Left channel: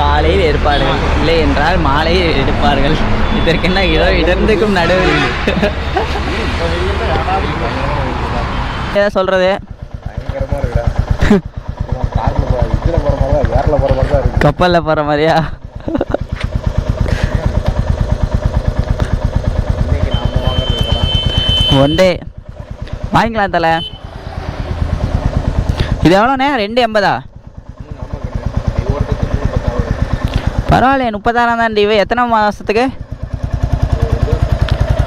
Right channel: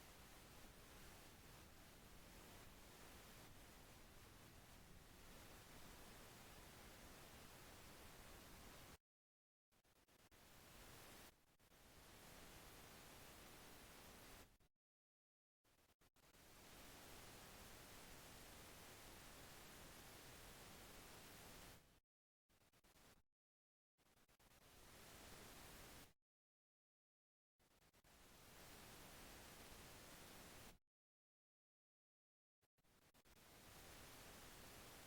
காலையில் எடுப்பார்கள், இல்லை என்றால் மாலையில் எடுப்பார்கள். இதற்கென்ன இடர்ந்துக்கும் நடுவில் சொல்றது கப்பலில் போகிற மாதிரியா? ஒன் டே வாங்கிக்கலாம் தலை. இது எவ்வளோண்ணே? 280. பரவாயில்லையே, 36 தான் டிவி. எத்தனை மாதத்துக்கு?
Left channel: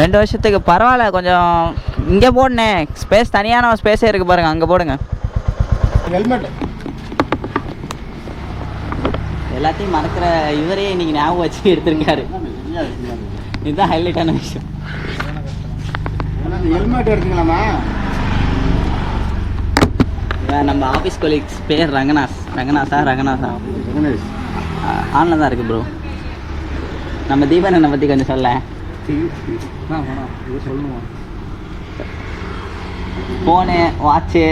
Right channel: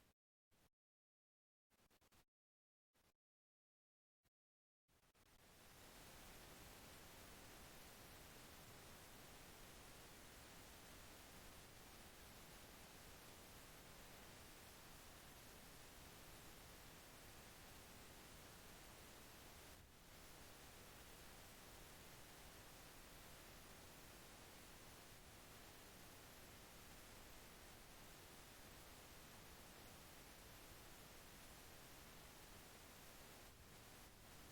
2 வருஷத்துக்கு. பரவாயில்ல. கொஞ்சம் இங்கே போடுனே, ஸ்பேஸ் தனியான ஸ்பேஸே இருக்குது பாருங்கள், அங்கே போடுங்க. ஹெல்மெட் எல்லாத்தையும் மறக்கிற இவரே இன்னைக்கு ஞாபகம் வச்சு எடுத்திருக்காரு. இதுதான் ஹைலைட்டான விஷயம். ஹெல்மெட் எடுத்துக்கலாமா? நம்ம ஆஃபீஸ் கொலீக்ஸ் பேர் ரங்கநாதா ஆன்ல தான் இருக்குது ப்ரோ. நம்ம தீபன் பற்றி கொஞ்சம் சொல்ல. ஃபோனு, வாட்சு,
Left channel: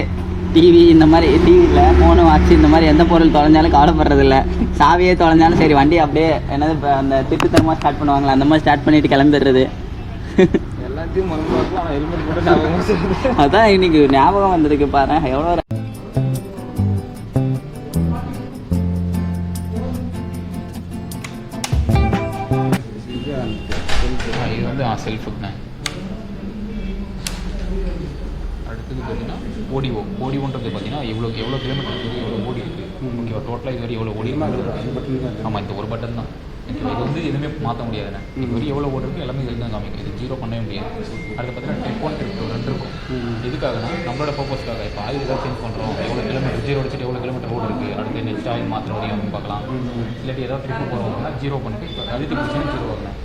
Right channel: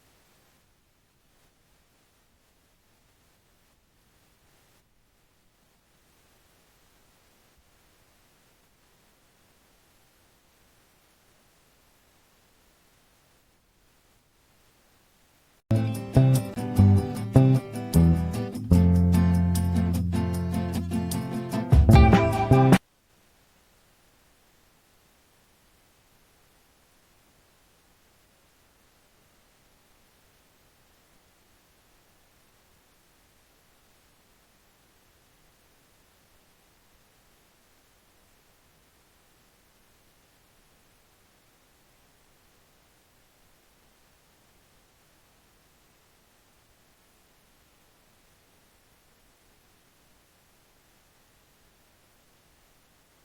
டிவி, இந்த மாதிரி டிவியில் ஃபோனு, வாட்சு இந்த மாதிரி எந்த பொருள் தொலைஞ்சாலும் கவலைப்படுறதில்ல. சாவியே தொலைஞ்சாலும் சரி, வண்டி அப்படியே என்னது இப்போ அந்த திட்டுத்தனமாக ஸ்டார்ட் பண்ணுவாங்களா, அந்த மாதிரி ஸ்டார்ட் பண்ணிவிட்டு கிளம்பிடுறது. எல்லாத்தையும் ஹெல்மெட் போட்டு அதான் இன்னைக்கு ஞாபகம் வந்திருக்கு பாரு. எவ்வளோ இது வந்து செல்ஃபுக்குண்ணே. அடுத்தது பார்த்தீங்கன்னா ஓடிவோன்றது பார்த்தீங்கன்னா எவ்வளோ கிலோமீட்டர் இருக்குது, எவ்வளோ ஓடி இருக்குது, ஓகேவா, டோட்டலாக இது வரை எவ்வளோ ஓடி இருக்குது. ஆமாம், இந்த ஒரு பட்டன் தான். இது வந்து எதுவுமே மாற்ற முடியாதுண்ணே. இது வரைக்கும் எவ்வளோ ஓடி இருக்குது எல்லாமே இதில் தான் காமிக்கும். இது 0 பண்ணவே முடியாது. அடுத்து பார்த்தீங்கன்னா ட்ரிப் 1 ட்ரிப் 2 2 இருக்கும். எதுக்காகனா நம்மளோட பர்பஸ்க்காக. இப்போ ஆயில் ஏதாவது சேஞ்ச் பண்ணுறோம், எவ்வளோ கிலோமீட்டர் 0 அடிச்சுட்டு எவ்வளோ கிலோமீட்டர் ஓடி இருக்குது, அடுத்து நெக்ஸ்ட் ஆயில் மாற்ற முடியும் அப்படின்னு பார்க்கலாம். இல்லாட்டி ஏதாவது ட்ரிப்பு போகிறோம்னா 0 பண்ணிட்டு இப்போ அழுத்தி பிடிச்சின்னா 0 ஆகணும்.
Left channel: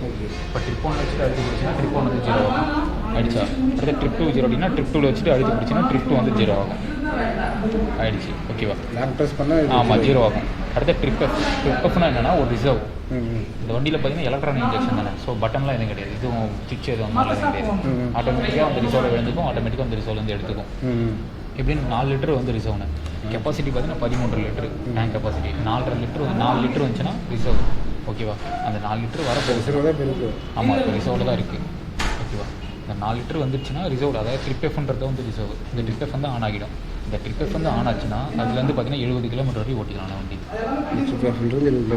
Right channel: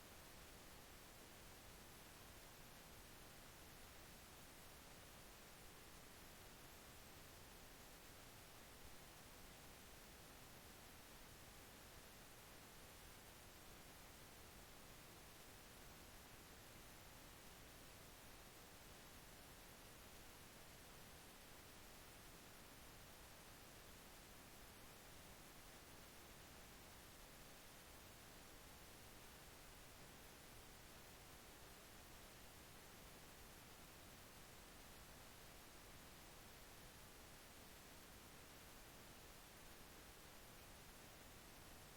இப்போ ட்ரிப் 1 வச்சுட்டு அழுத்தி பிடிச்சின்னா ட்ரிப் 1 வந்து 0 ஆகும் ஆயிடுச்சா. அடுத்து ட்ரிப் 2 0 அப்படின்னா ட்ரிப் 2 வச்சுட்டு அழுத்தி பிடிச்சின்னா ட்ரிப் 2 வந்து 0 ஆகும் ஆயிடுச்சு. ஓகேவா, லாக் ப்ரெஸ் பண்ண ஆமாம் 0 ஆகும். அடுத்த ட்ரிப்னா என்னென்னா ஒரு ரிசர்வ். இந்த வண்டியில் பார்த்தீங்கன்னா எலக்ட்ரானிக் இன்ஜெக்ஷன் தானே. ஸோ பட்டன்லாம் எதுவும் கிடையாது, இதுவும் சுவிட்ச் எதுவும் எதுவும் கிடையாது. ஆட்டோமேட்டிக்காக அந்த ரிசர்வில் விழுந்துக்கும், ஆட்டோமேட்டிக்காக அந்த ரிசர்வ்லேருந்து எடுத்துக்கும். எப்படின்னு 4 லிட்டர் வந்து ரிசர்வ்னு. கெப்பாசிட்டி பார்த்தீங்கன்னா 13 litre tank capacity. 4.5 litre 4 litre வந்துச்சுன்னா ரிசர்வ். ஓகேவா, அந்த 4 லிட்டர் வர ரிசர்வ் தான் இருக்குது. ஆமாம், இப்போ ரிசர்வில் தான் இருக்குது. ஓகேவா, இந்த 4 லிட்டர் வந்துச்சுன்னா ரிசர்வ், அதாவது ட்ரிப் எஃப்ன்றது வந்து ரிசர்வ். இந்த ட்ரிப் எஃப் வந்து ஆன் ஆகிடும். இந்த ட்ரிப் எஃப் வந்து ஆன் ஆச்சுன்னா அதுலேருந்து பார்த்தீங்கன்னா 70 கிலோமீட்டர் வரைக்கும் ஓட்டிக்கலாம் வண்டி.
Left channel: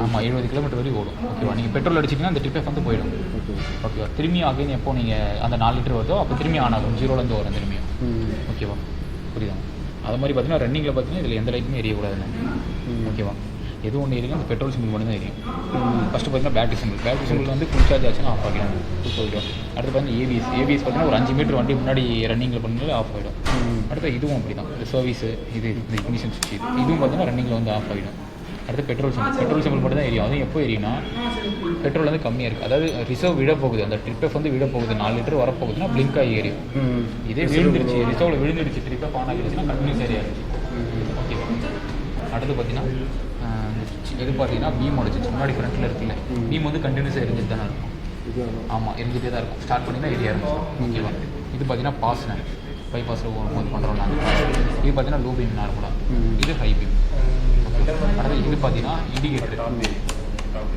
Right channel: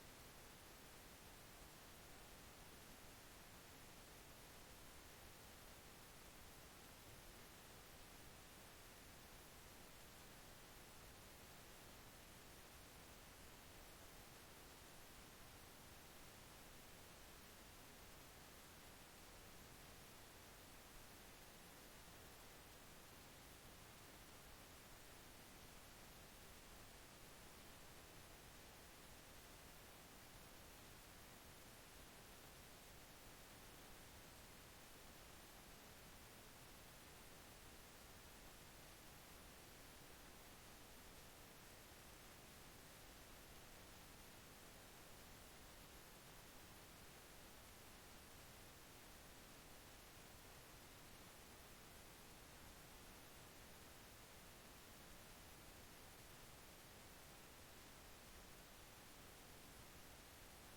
ஆமாம், 70 கிலோமீட்டர் வரைக்கும் ஓடும். ஓகேவா, நீங்கள் பெட்ரோல் அடிச்சிங்கன்னா அந்த ட்ரிப் எஃப் வந்து போயிடும். ஓகேவா, திரும்பி அகைன் எப்போ நீங்கள் அந்த 4 லிட்டர் வருதோ அப்போ திரும்பி ஆன் ஆகும், 0லேருந்து வரும் திரும்பியும். ஓகேவா, புரியுதா? அது மாதிரி பார்த்தீங்கன்னா ரன்னிங்கில் பார்த்தீங்கன்னா இதில் எந்த லைட்டுமே எரியக்கூடாதுன்னு. ஓகேவா, எது ஒன்று எரியும், அந்த பெட்ரோல் சிம்பிள் மட்டும் தான் எரியும். ஃபஸ்ட்டு பார்த்தீங்கன்னா பேட்டரி சிம்பிள் வந்து ஃபுல் சார்ஜ் ஆச்சுன்னா ஆஃப் ஆகிடும், போயிடும். அடுத்து பார்த்தீங்கன்னா ஏபிஎஸ் பார்த்தீங்கன்னா ஒரு 5 மீட்டர் வண்டி முன்னாடி ரன்னிங்கில் பண்ணும்போது ஆஃப் ஆகிடும். அடுத்து இதுவும் அப்படி தான், சர்வீஸு இது இந்த இக்னிஷன் சுவிட்ச் இதுவும் பார்த்தீங்கன்னா ரன்னிங்கில் வந்து ஆஃப் ஆகிடும். அடுத்து பெட்ரோல் சிம்பிள் மட்டும் தான் எரியும். அதுவும் எப்போ எரியும்னா பெட்ரோல் வந்து கம்மியாக இருக்குது, அதாவது ரிசர்வ் விட போகுது, அந்த ட்ரிப் எஃப் வந்து விட போகுது, 4 லிட்டர் வரப்போகுதுன்னா பிளிங்க் ஆகி எரியும். இதே விழுந்துருச்சு, ரிசர்வில் விழுந்துருச்சு, ட்ரிப் எஃப் ஆன் ஆகிடுச்சுன்னா கண்டினியூஸ் ஏரியாச்சு. ஓகேவா, அடுத்து பார்த்தீங்கன்னா இது பார்த்தீங்கன்னா பீமோட சுவிட்ச் முன்னாடி ஃப்ரண்ட்டில் இருக்குல்ல, பீம் வந்து கண்டினியூஸாக எரிஞ்சிட்டு தானே இருக்கும். ஆமாம், எரிஞ்சிட்டே தான் இருக்கும். ஸ்டார்ட் பண்ணிங்கன்னா எரிய ஆரம்பிச்சிடும். ஓகேவா, இது பார்த்தீங்கன்னா பாஸ்னு பைபாஸில் போகும்போது பண்ணுறோம் நாங்கள். இது பார்த்தீங்கன்னா லோ பீம் நார்மலாக, இது ஹை பீம். அடுத்து இது பார்த்தீங்கன்னா இண்டிகேட்டர்.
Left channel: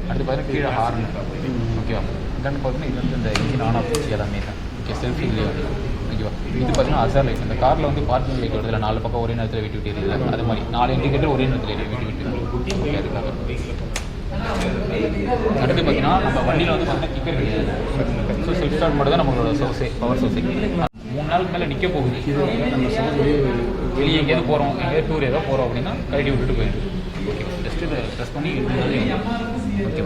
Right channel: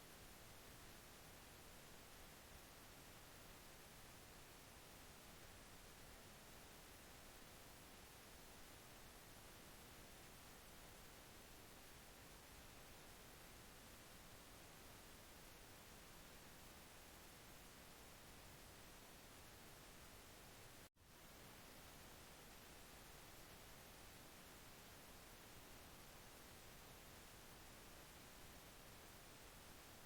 அடுத்து பார்த்தீங்கன்னா கீழே ஹார்ன். ஓகேவா, இதான்னு பார்த்தீங்கன்னா இது வந்து இந்த இன்ஜின் ஆன் ஆஃப் சுவிட்ச் எல்லாமே தான். ஓகே, செல்ஃபிலே வந்து. ஓகேவா, இது பார்த்தீங்கன்னா அசார் லைட். இந்த காரில் வந்து பார்க்கிங் லைட் வருதுல, 4 பக்கம் ஒரே நேரத்தில் விட்டு எரியுது, அது மாதிரி 4 இண்டிகேட்டர் ஒரே நேரத்தில் விட்டு ஓகே, அதுக்காக. அடுத்து பார்த்தீங்கன்னா நம்ம வண்டியில் வந்து பார்த்தீங்கன்னா கிக்கர் கிடையாது. ஸோ செல்ஃப் ஸ்டார்ட் மட்டும் தான் நம்மளோட சோர்ஸே, பவர் சோர்ஸே. 3 நாளுக்கு மேலே நிற்க போகுது. வெளியே எங்கேயாவது போகிறோம், எங்கேயாவது டூர் ஏதோ போகிறோம் அப்படின்னா கழட்டி விட்டுட்டு போயிடும். ஓகே, ஜஸ்ட்டு இதை ப்ரெஸ் பண்ணி ஓகே.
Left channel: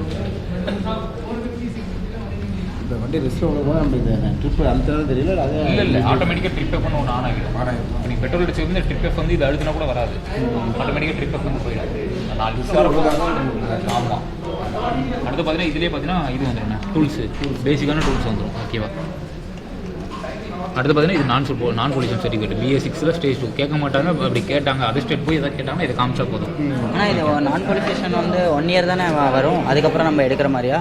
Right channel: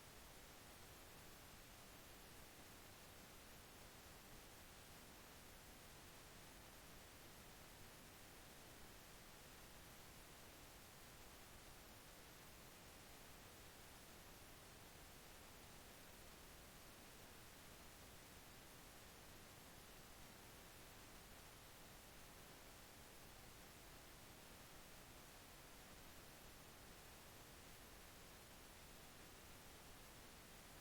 இந்த வண்டி ரெஸ்ட் போது நம்ம இந்த ட்ரிப் அழுத்தான் தெரியல. அதே இல்லை ஆட்டோமேட்டிக்காக ட்ரிப் எஃப் ஒன்று ஆன் ஆகிடும். இப்போ நீங்கள் பெட்ரோல் அடிச்சு வந்து ட்ரிப் எஃப் வந்து இது அழுத்தினா கூட வராது, ஆட்டோமேட்டிக்காக ட்ரிப் எஃப் வந்து போயிடும். 4 நிமிஷம். ஆமாம். அடுத்து பார்த்தீங்கன்னா இதுலேயே பார்த்தீங்கன்னா இது வந்துடும் டூல்ஸு, பேசிக்கான டூல்ஸ் வந்துடும். ஓகேவா, அடுத்து பார்த்தீங்கன்னா இது நான் பொல்யூஷன் சர்டிஃபிகேட் BS6 ஸ்டேஜ் 2 கேட்க மாட்டாங்க. அப்படி கேட்டாங்க அதர் ஸ்டேட் போய் எதாவது கேட்டாங்கன்னா இதை காமிச்சா போதும். ஆனால் இது நான் பொல்யூஷன் வந்து 1 இயர் தானே வரும், அதுக்கப்புறம் நம்ம எடுக்கிற மாதிரியா?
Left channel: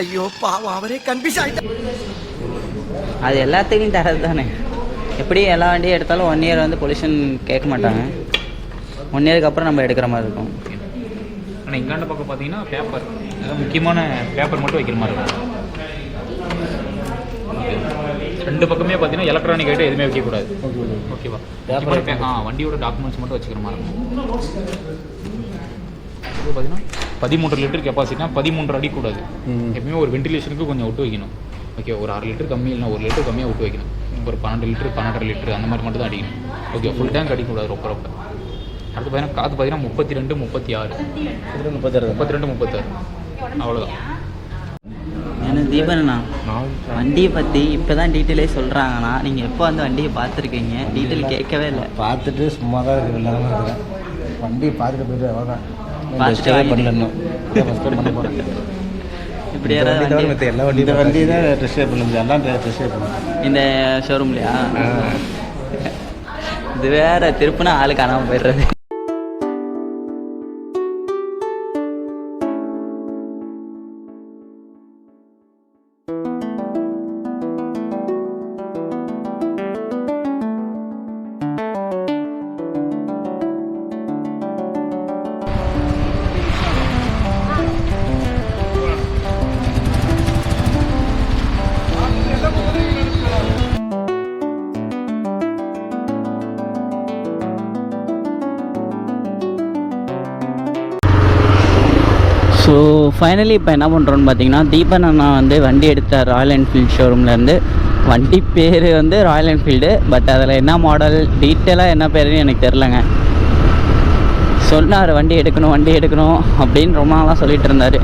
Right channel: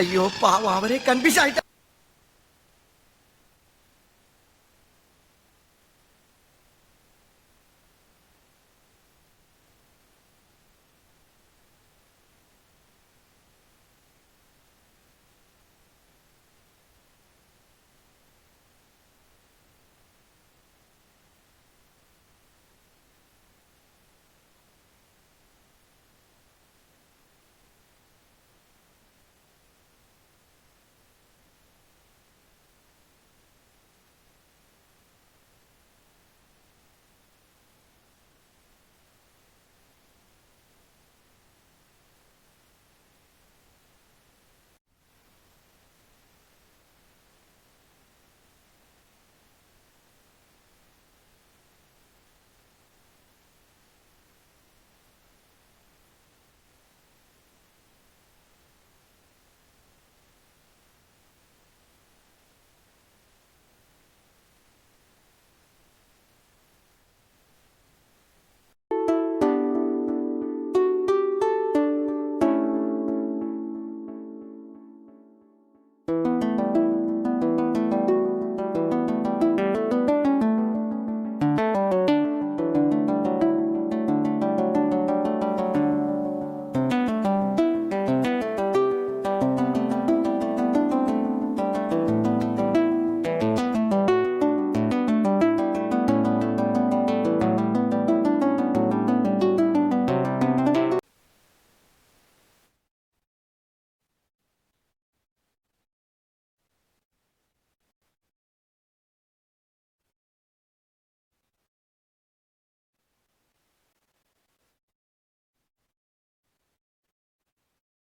ஐயோ பாவம், அவரே கன்ஃபியூஸ் ஆகிட்டா. அது எல்லாத்துக்கும் தரது தானே. எப்படி எல்லா வண்டியும் எடுத்தாலும் 1 இயர் வந்து பொல்யூஷன் கேட்க மாட்டாங்க. 1 இயருக்கு அப்புறம் நம்ம எடுக்கிற மாதிரி இருக்கும். ஓகே. ஆனால் இங்காண்ட பக்கம் பார்த்தீங்கன்னா பேப்பர், அதாவது முக்கியமான பேப்பர் மட்டும் வைக்கிற மாதிரி இருக்கும். ஓகே. 2 பக்கமே பார்த்தீங்கன்னா எலக்ட்ரானிக் ஐட்டம் எதுவுமே வைக்கக்கூடாது. ஓகேவா? வண்டியோட டாக்குமெண்ட்ஸ் மட்டும் வச்சுக்கிற மாதிரி இருக்கும். இப்போ பார்த்தீங்கன்னா 13 லிட்டர் கெப்பாசிட்டினா 13 அடி கூடாது. எப்பவுமே ஒரு வென்டிலேஷனுக்கு கொஞ்சம் விட்டு வைக்கணும். ஓகே, ஒரு 6 லிட்டர் கம்மி இல்லைனா 1 லிட்டர் கம்மியாக விட்டு வைக்கணும். ஒரு 12 லிட்டர் 12.5 லிட்டர் அந்த மாதிரி மட்டும் தான் அடிக்கணும். ஓகே, ஃபுல் டேங்க் அடிக்கக்கூடாது ரொம்ப. அடுத்து பார்த்தீங்கன்னா காற்று பார்த்தீங்கன்னா 32 36 32 36 அவ்வளோதான். எனக்கு தீபனா வண்டியை பற்றி இப்போ தான் டீட்டெயிலே சொல்கிறாங்கண்ணா. நீங்கள் எப்போ வந்து வண்டியை பார்த்துருக்கீங்க? டீட்டெயில் கேட்கவே இல்லை. பார்த்துட்டு சும்மா தான் இருக்கு, இல்லாமல் இருக்கிறேன். வண்டியை பார்த்துட்டு போயிட்டு அவ்வளோதான். பண்ணணும் இப்படி யாராவது எல்லா வண்டி வண்டி தான் டெஸ்ட் ட்ரைவ் பண்ண முடியும். எல்லாம் டெஸ்ட் ட்ரைவ் பண்ணணும் இந்த ஷோரூம்லையா? இது வேற திருப்பினா ஆளு காணாமல் போயிடுறது. ஸோ ஃபைனலி இப்போ என்ன பண்ணுறோன்னு பார்த்தீங்கன்னா, தீபன் அண்ணா வந்து வண்டி எடுத்தார் ராயல் என்ஃபீல்டு ஷோரூம்லேருந்து. வண்டி பேர் வந்து ராயல் என்ஃபீல்டு, பட் அதில் என்ன மாடல் டீட்டெயிலாக என்ன பேருன்னு எனக்கு தெரிலங்க. சொன்னார் வண்டி எடுக்கணும் அப்படின்னு ரொம்ப நாளாக சொல்லிகிட்டு இருந்தார்.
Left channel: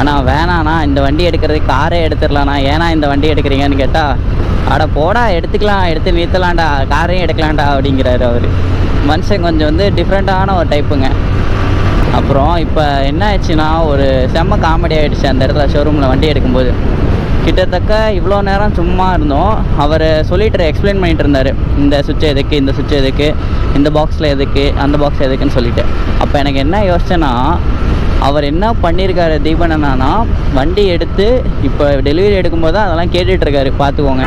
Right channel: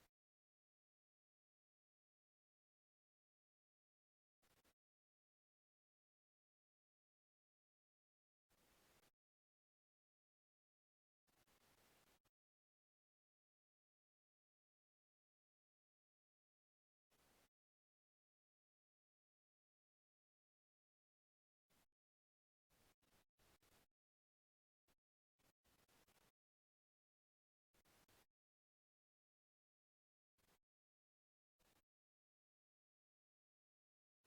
ஆனால் வேணாண்ணா, இந்த வண்டி எடுக்கிறதுக்கு காரே எடுத்துடலாண்ணா, ஏன்னா இந்த வண்டி எடுக்கிறீங்கன்னு கேட்டால், அட போடா எடுத்துக்கலாம், எடுத்து நிறுத்தலாம்டா, காரையும் எடுக்கலாம்டா அப்படிங்கிறாரு அவர். மனுஷன் கொஞ்சம் வந்து டிஃப்ரெண்ட்டான ஒரு டைப்புங்க. அப்புறம் இப்போ என்ன ஆயிடுச்சுன்னா, ஒரு செம்ம காமெடி ஆகிடுச்சு அந்த இடத்துல ஷோரூமில் வண்டி எடுக்கும்போது. கிட்டத்தட்ட இவ்வளோ நேரம் சும்மா இருந்தோம். அவர் சொல்லிட்டு எக்ஸ்பிளைன் பண்ணிகிட்டு இருந்தார், இந்த சுவிட்ச் எதுக்கு, இந்த சுவிட்ச் எதுக்கு, இந்த பாக்ஸில் எதுக்கு, அந்த பாக்ஸ் எதுக்குன்னு சொல்லிட்டு. அப்போ எனக்கு என்ன யோசிச்சேன்னா, அவர் என்ன பண்ணியிருக்காரு தீபன் அண்ணானா, வண்டி எடுத்து இப்போ டெலிவரி எடுக்கும்போது தான் அதெல்லாம் கேட்டுட்ருக்காரு. பார்த்துக்கோங்க,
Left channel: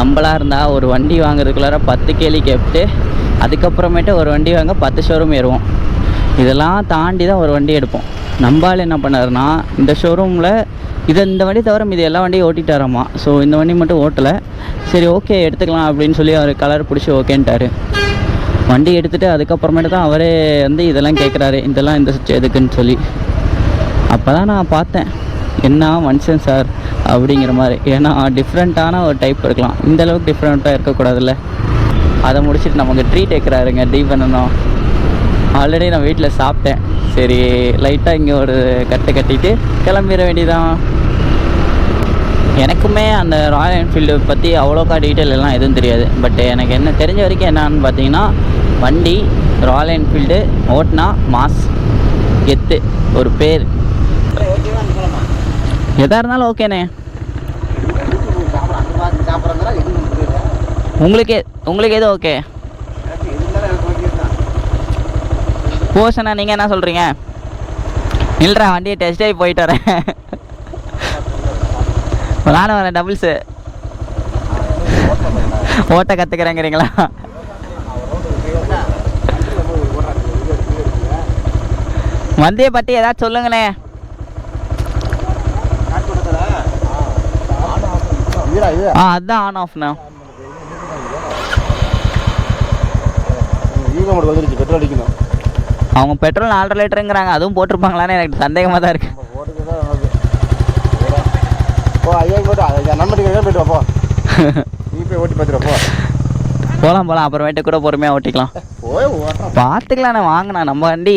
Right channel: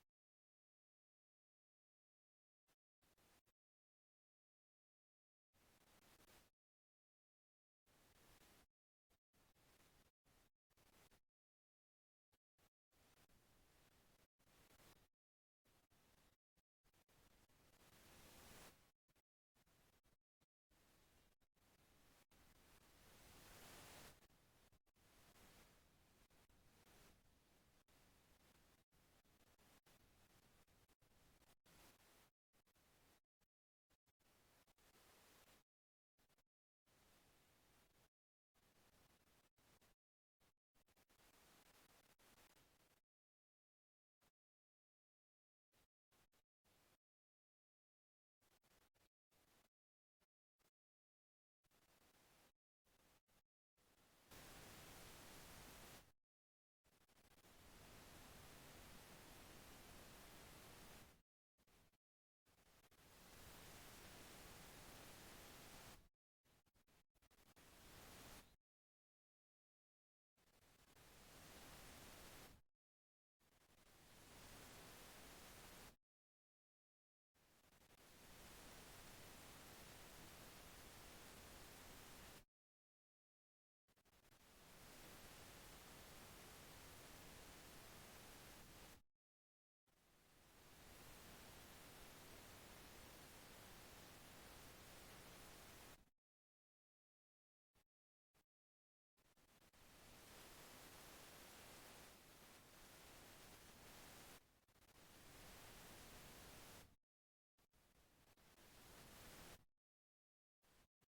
நம்மளாக இருந்தால் ஒரு வண்டி வாங்குறதுக்குள்ளார 10 கேள்வி கேட்டு அதுக்கப்புறமேட்டு ஒரு வண்டி வாங்க 10 ஷோரூம் ஏறுவோம். இதெல்லாம் தாண்டி தான் ஒரு வண்டி எடுப்போம். நம்பால் என்ன பண்ணாருன்னா, இந்த ஷோரூமில் இந்த வண்டி தவிர இது எல்லா வண்டியும் ஓட்டிட்டாராமா. ஸோ இந்த வண்டி மட்டும் ஓட்டலை. சரி ஓகே எடுத்துக்கலாம் அப்படின்னு சொல்லி அவர் கலர் பிடிச்சி ஓகேன்ட்டார். வண்டி எடுத்துகிட்டு அதுக்கப்புறமேட்டு தான் அவரே வந்து இதெல்லாம் கேட்குறாரு, இதெல்லாம் இந்த சுவிட்ச் எதுக்குன்னு சொல்லி. அப்போ தான் நான் பார்த்தேன், என்ன மனுஷன் சார் அப்படிங்கிற மாதிரி. ஏன்னா டிஃப்ரெண்ட்டான ஒரு டைப் இருக்கலாம், இந்தளவுக்கு டிஃப்ரெண்ட்டாக இருக்கக்கூடாதுல்ல. அதை முடிச்சுட்டு நமக்கு ட்ரீட் வைக்கிறாருங்க தீபனனும். ஆல்ரெடி நான் வீட்டில் சாப்பிட்டேன். சரி லைட்டாக இங்கே ஒரு கட்டிட்டு கிளம்பிட வேண்டியதான். எனக்குமே அந்த ராயல் என்ஃபீல்டு பற்றி அவ்வளோக்கா டீட்டெயில் எல்லாம் எதுவும் தெரியாது. பட் எனக்கு என்ன தெரிஞ்ச வரைக்கும் என்னான்னு பார்த்தீங்கன்னா, வண்டி ராயல் என்ஃபீல்டு ஓட்டினா மாஸ் கெத்து ஒரு பேர். எதாக இருந்தாலும் ஓகேண்ணே. உங்களுக்கு எது ஓகே? போஷனா நீங்கள் என்ன சொல்கிறீங்க? இல்லைடா வண்டியை டெஸ்ட் ட்ரைவ் போயிட்டு வரேன், நானும் வரேன், டபுள்ஸு ஓட்ட கற்றுக்கிறேங்கிறீங்களா? வண்டியை பற்றி ஏதாச்சும் சொல்லுங்கண்ணே. அதுதான் ஆன் ஆஃப்ண்ணா. பெட்ரோல் அடிக்கணும். அவங்க பெட்ரோல் 4.5 லிட்டருங்கிறாங்க, அதுவும் போட்டிருப்பாங்களான்னு எனக்கு சந்தேகமாக தான் இருக்குது. போகலாம் அப்புறமேட்டு கூட பொறுமையாக ஓட்டிக்கலாம், பார்த்துக்கலாண்ணே. வாங்கினா நம்ம வண்டி,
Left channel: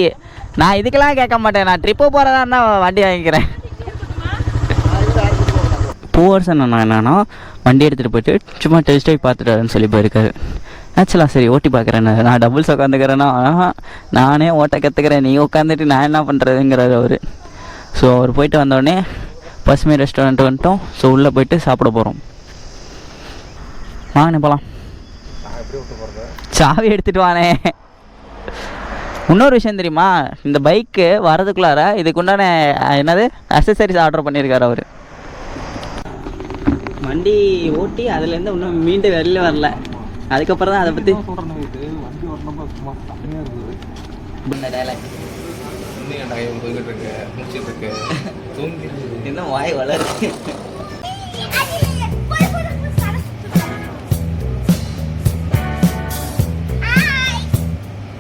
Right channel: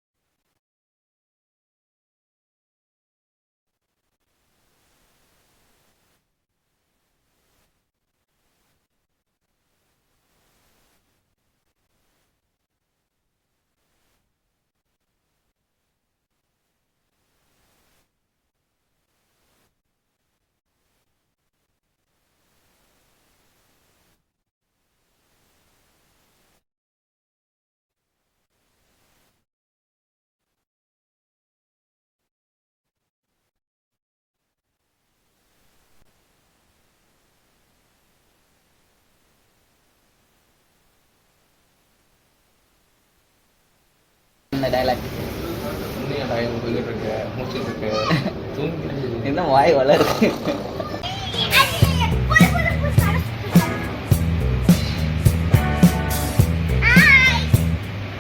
நான் இதுக்கெல்லாம் கேட்க மாட்டேன். நான் ட்ரிப்பு போகிறதா இருந்தால் வண்டி வாங்கிக்கிறேன். பூவர்சன் அண்ணா என்னன்னா, வண்டி எடுத்துகிட்டு போயிட்டு சும்மா டெஸ்ட் ட்ரைவ் பார்த்துட்டு வரேன்னு சொல்லி போயிருக்காரு. ஆக்சுவலாக சரி ஓட்டி பார்க்குறேன், நான் டபுள்ஸ் உட்காந்துக்கிறேன்னா, நானே ஓட்ட கற்றுக்கிறேன், நீ உட்காந்துட்டு நான் என்ன பண்ணுறதுங்கிறாரு அவர். ஸோ அவர் போயிட்டு வந்தோடனே பசுமை ரெஸ்டாரண்ட் வந்துட்டோம். ஸோ உள்ளே போயிட்டு சாப்பிட போகிறோம். வாங்கண்ணே போகலாம். சாவி எடுத்துகிட்டு வானே. இன்னொரு விஷயம் தெரியுமா, இந்த பைக்கு வரதுக்குள்ளார இதுக்குண்டான என்னது அக்சசரிஸ் ஆர்டர் பண்ணியிருக்காரு அவர். வண்டி ஓட்டி அதுலேருந்து இன்னும் மீண்டு வெளில வரல. அதுக்கப்புறம் தான் அதை பற்றி வண்டி ஓட்டணும் சும்மா செம்மையாக இருக்குது. இந்த டைலாக் இன்னும் டைம் போய்கிட்டு இருக்கு முடிச்சிட்டு இருக்கு தூங்கி இன்னும் வாய் வளருது.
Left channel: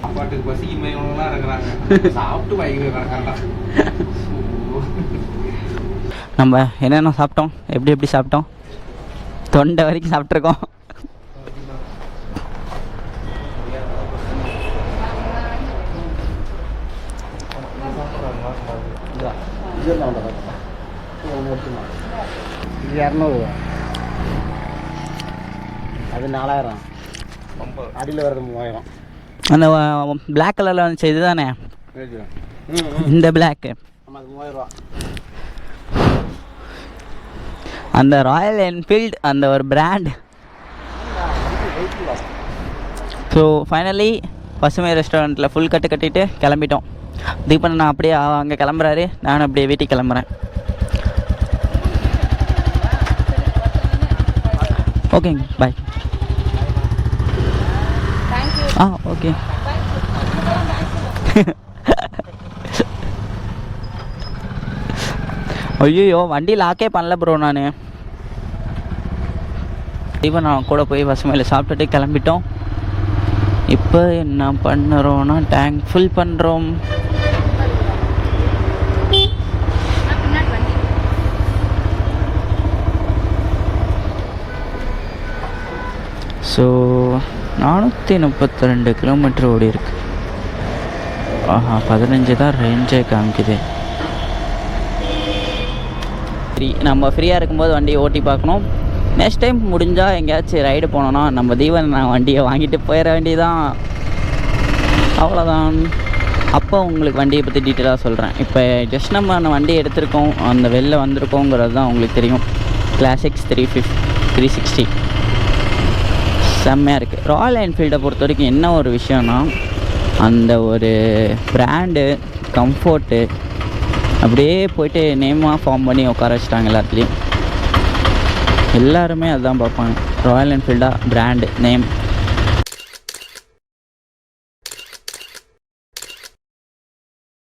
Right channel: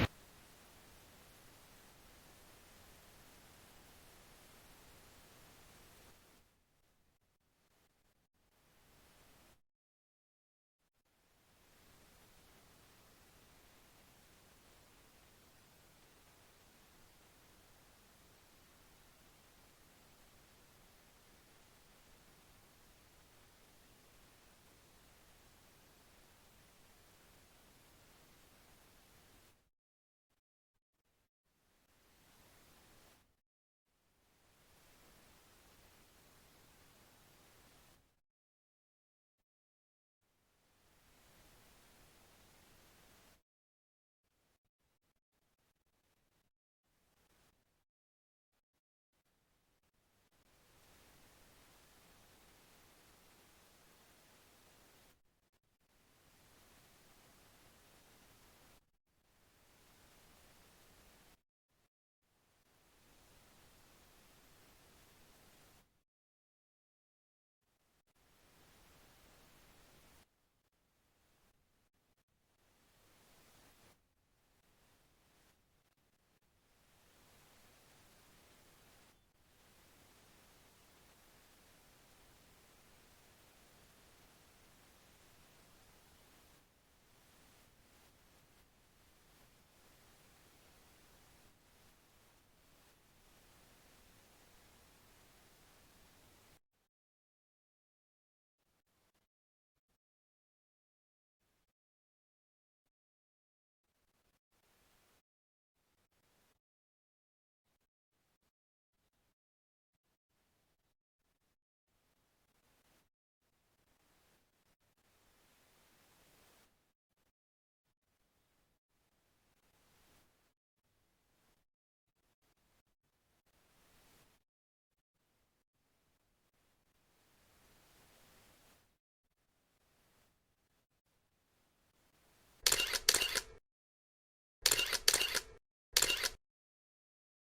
சாப்பாட்டுக்கு பசிக்கு மையம்லாம் இருக்கிறாங்க சாப்பிட்டு வாங்கிக்கிறாங்க. நம்ம என்னென்ன சாப்பிட்டோம், எப்படி சாப்பிட்டோம், தொண்டை வரைக்கும் சாப்பிட்ருக்கோம். இது 200 அது 4000 அடியில் வர்றது 3000. அந்த பிளாக் கலரில் வந்துச்சு இது தானே இந்த பிளாக்கு? ஆமாம் அது 3000 ரூபா. அந்த ராயல் என்ஃபீல்டு அந்த ஒரு பிராண்ட். ஸோ ஃபைனலி பசுமை ரெஸ்டாரண்ட்டில் ஃபுல் கட்டு கட்டிட்டு கிளம்பிட்டோம். தீபன் நான் அப்படியே அங்கே கிளம்புறாரு, நானும் அப்படியே வீட்டுக்கு கிளம்புறேன். ஓகேங்க, பாய். ஓகே. ஐயோ வண்டி லாக்கே பண்ணல ப்ரோ. நான் இப்போ நான் கூட போய் பசுமையில் சாப்பிட்டுட்டு கிளம்பிட்டோம். இப்போ என்ன பண்ணுறோன்னா டேங்க் ஃபுல் பண்ணுறோம். ஸோ 432 கிலோமீட்டர் ஓடி இருக்கு. 15 தான் ரேஞ்சே காமிக்குது. நம்ம ஃப்ரீயாக இருக்கும்போது வண்டியை ஓட்டி பார்க்கணும். நெக்ஸ்ட் டைம் முடிஞ்சால் எங்கேயாச்சும் ரைடு போனோன்னா நம்ம தீவன் நான் வண்டியை வாங்கிட்டு போயிட வேண்டியதான். அவ்வளோதான். அப்போ உங்களுக்கு வண்டியை பற்றி டீட்டெயிலாக சொல்கிறேன். இப்போ ஜஸ்ட் நம்ம வண்டி எடுத்திருக்கோம், அந்த வெளில வந்திருக்கோங்கிறது தான் உங்களுக்கு தெரியும். கிளாசிக்ஸ் 360 செம்மையாக இருக்குது. ராயல் என்ஃபீல்டை பொறுத்த வரைக்கும் என்ன ஒரு விஷயம்னா, அந்த ஒரு பிராண்டு கம்ஃபோர்ட்டு அப்படியே போயிட்டு நேமாக ஃபார்ம் பண்ணி உட்கார வச்சிட்டாங்க எல்லாத்துலேயும். எல்லாருமே அதுதான் பார்ப்பாங்க. Royal என்ஃபீல்டா brand name